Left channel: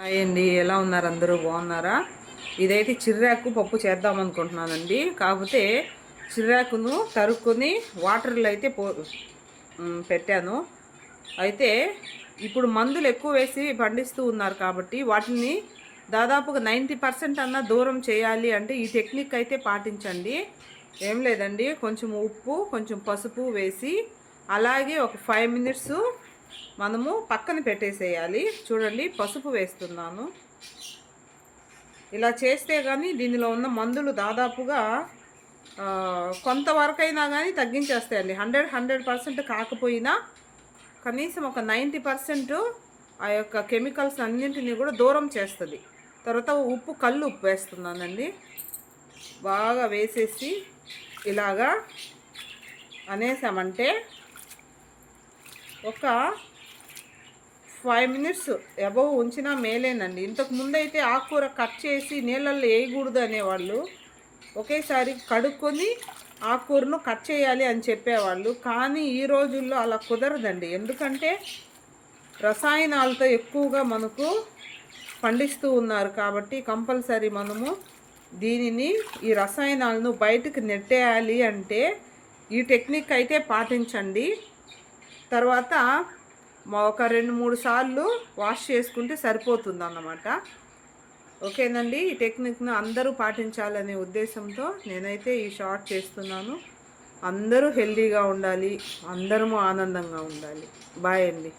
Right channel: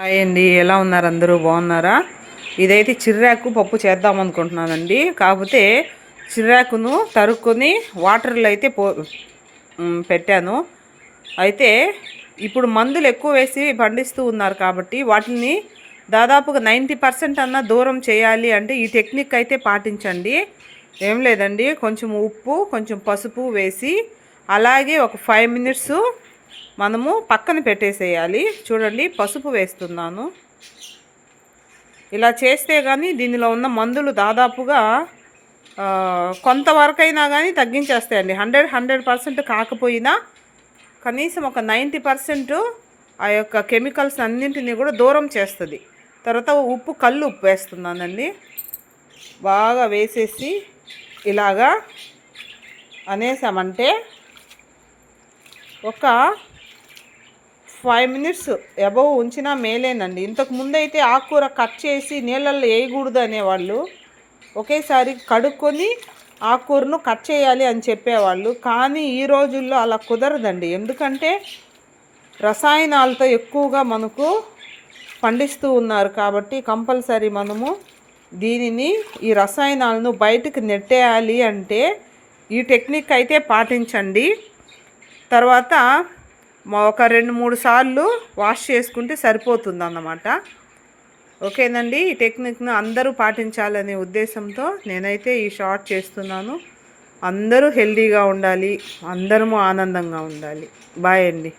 Hi అండి, ఎలా ఉన్నారు? అందరూ బాగున్నారా? ఇదైతే చిర్రాకు పప్పు చేద్దాం అనుకుంటున్నానండి. కాకపోతే చిర్రాకును తరుక్కొని వాటర్లో అయితే పెట్టాను. అయితే ఇప్పుడు మందులు ఎక్కువ వేసి పండిస్తూ ఉన్నారు కాబట్టి వాటిని దాదాపుగా 90% అన్నా దూరం చేయాలి అంటే ఈ టెక్నిక్ అయితే పాటించండి. ఏం లేదండి, కొంచెం ఉప్పు, కొంచెం పసుపు వేసి అలాగే ఒక 5 మినిట్స్ మనము పక్కన పెట్టేసేయాలి. చూడండి, పసుపు వేస్తున్నాను. ఇలా చేస్తే కానీ దీనిలో ఉన్న మందులు దాదాపుగా కొంతవరకైనా కానీ తగ్గించేస్తాయండి. 100% కాకపోయినా కనీసం ఒక 90% ఆ యొక్క కెమికల్స్ అన్నింటినీ కూడా దూరం చేస్తుంది. తర్వాత ఉప్పు, కళ్ళు ఉప్పు వేస్తున్నానండి. బాగా వేసేసి ఇలాగా అనేసామంటే ఒక 5 మినిట్స్ అబవ్ ఉంచినా మేలేనండి. ఇంతకు ముందు అయితే ఆకుకూర కట్ చేసి నీళ్ళల్లో వేయకూడదు అనేవాళ్ళు. ఒకేసారి కడుక్కొని ఆకుకూరను కట్ చేయాలి అని చెప్పేవాళ్ళు. కానీ ఈ రోజుల్లో అలా కుదరదండి. ఎందుకంటే రసాయనాలతో ఎక్కువగా మనకు పండిస్తూ ఉన్నారు కాబట్టి కంపల్సరీ మనము దీనిని ఈ రసాయనాలను బయటకు నెట్టేయాలి అంటే ఈ టెక్నిక్ అయితే పాటించండి. తర్వాత ఒక 2-3 సార్లు వాష్ చేసుకుంటే సరిపోతుంది అన్నమాట. ఓకేనండి, ఈ టెక్నిక్ను అందరూ పాటించాలనే ఉద్దేశంతో నేనైతే ఈ షార్ట్ చేస్తున్నాను. అందరూ హెల్తీగా ఉండాలి, అందరము ఆనందంగా ఉండాలి. బాయ్ అండి.